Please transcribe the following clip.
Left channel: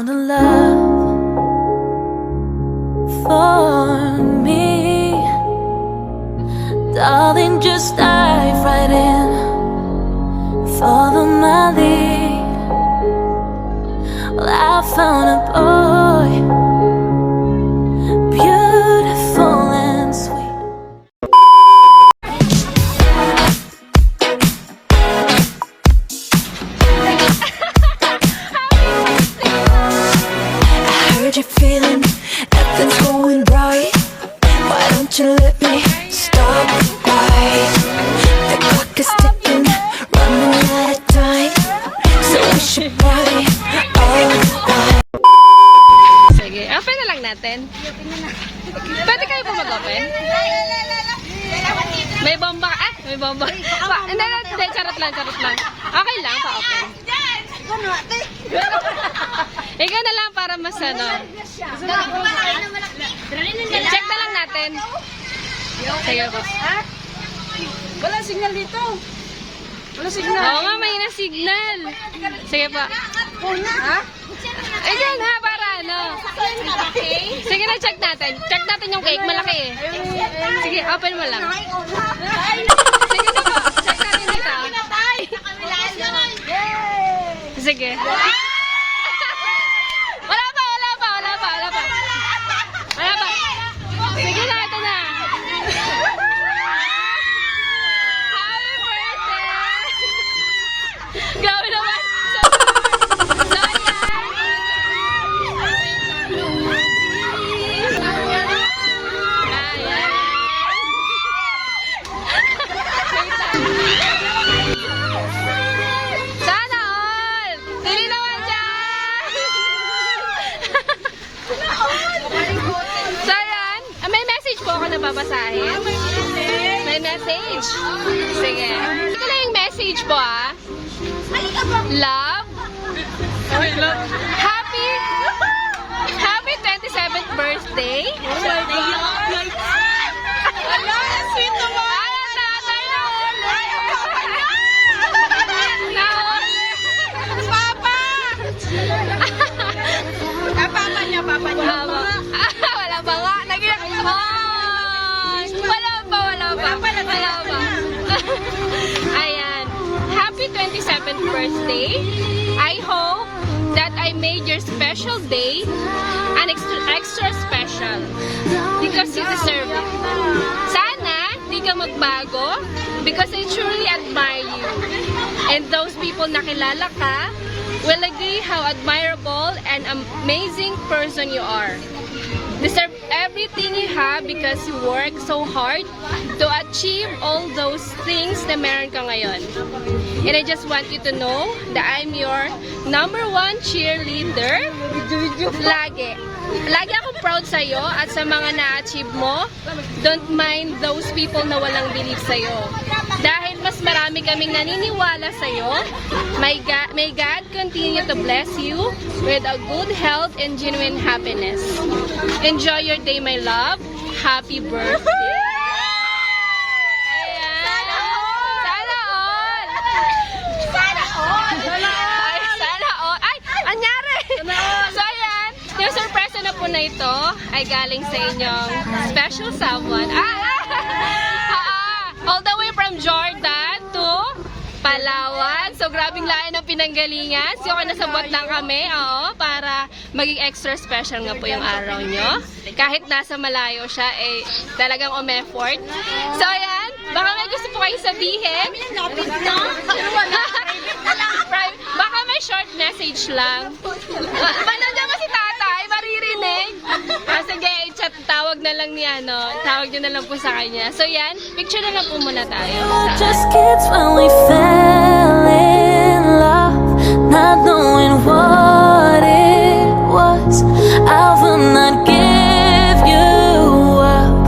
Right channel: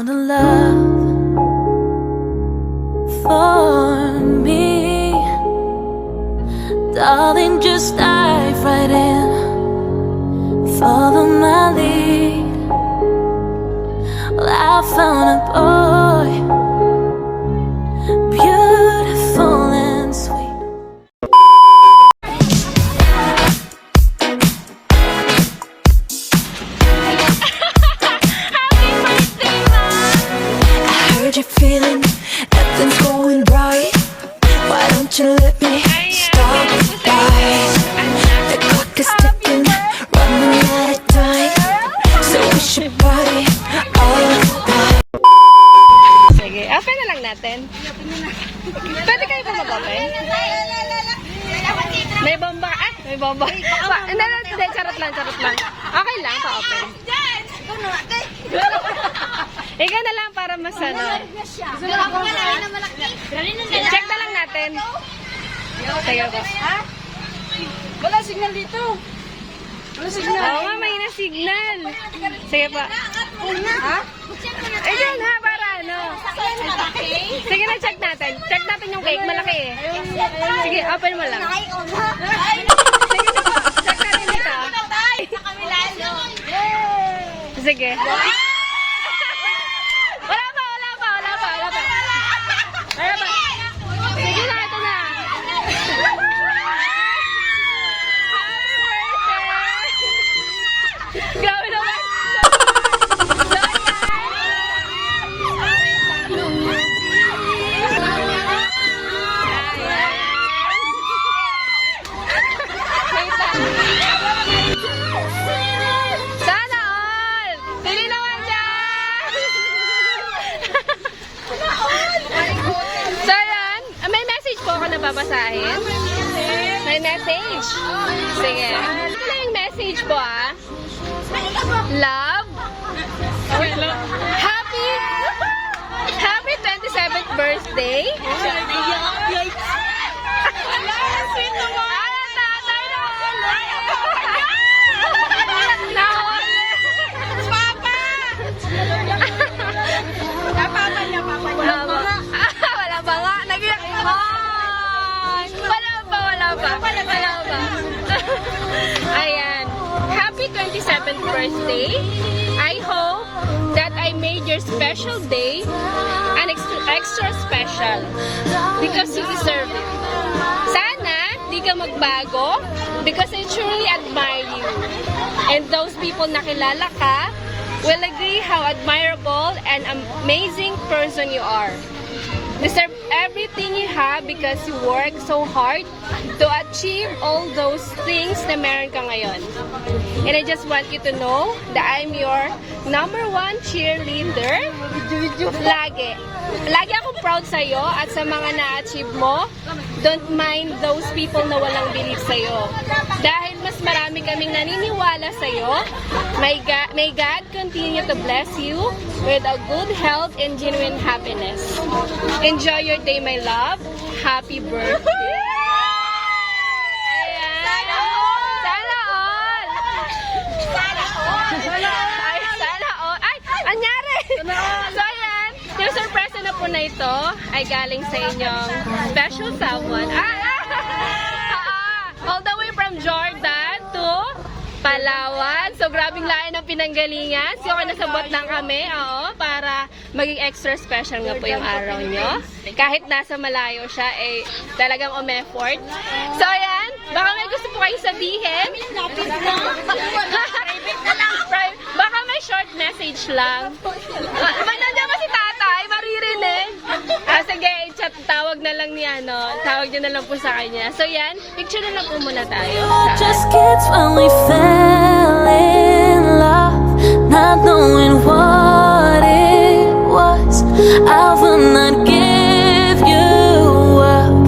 found a love for me. Darling, just dive right in, follow my lead. Well, I found a boy, beautiful and sweet. You're feeling nothing's going right. Why don't you let me stop right? The clock is ticking, running out of time, so we should party all night. Sige, open na lang natin. Pwede kayo po mag-open? May bomba. May bomba. Hindi, charot lang. Okay lang, pa-open. Ikaw na lang para mas ano. Check na lang natin. Sige po. Wala signal dito. Wala signal. Oo nga, may na-signal. Sige po. Ha? Ayun ha, para ano. Sige na, check natin. Check natin yung cake. Malaki eh. Sige, open mo lang. Sige na po. Check natin dito. Sige. Wala pa. Sige na, ito na. Happy birthday! Grabe naman. Sana all! Dili naman dyan! So yan, may message po ako na babasahin. May message. Sige. Ito lang yung message po ah. Love. Happy 27th birthday. Sweet naman. Wala ba nga? Wala ba? Ayan. Happy 27th birthday. I hope that I made your special day an extra special because you deserve it. Sana di ka magbago because I truly admire you. And those people na kilala ka will agree how admirable and amazing person you are. Deserve everything you have because you work so hard to achieve all those things na meron ka ngayon. And I just want you to know that I'm your #1 cheerleader. Lagi. Lagi akong proud sa'yo at sa mga na-achieve mo. Don't mind those people na walang belief sa'yo. Dahil mas marami kaming naniniwala sa'yo, may God continue to bless you with a good health and genuine happiness. Enjoy your day, my love. Happy birthday! Ayan. Sana all! Sana all! Ay! Anyari! So, ayan. Yung surprise na po na ito ay galing sa inyong special someone. All the way from Jordan to Palawan. So, grabing lain ang pinanggalingan. So, nasabot lang kami, para maging extra special nga po yung araw nyo. Kahit nasa malayo siya, talagang umeffort. So, ayan. Baka may gusto po kayong sabihin. Baka may short message lang. Nandiyan ba si tatay? Maririnig? Sige, chat. Tawag na lang tawag nyo na lang po sa kanya. So, yan. Picture na lang po muna tayo. Just kids when we fell in love, not knowing what it was. I will not give you up.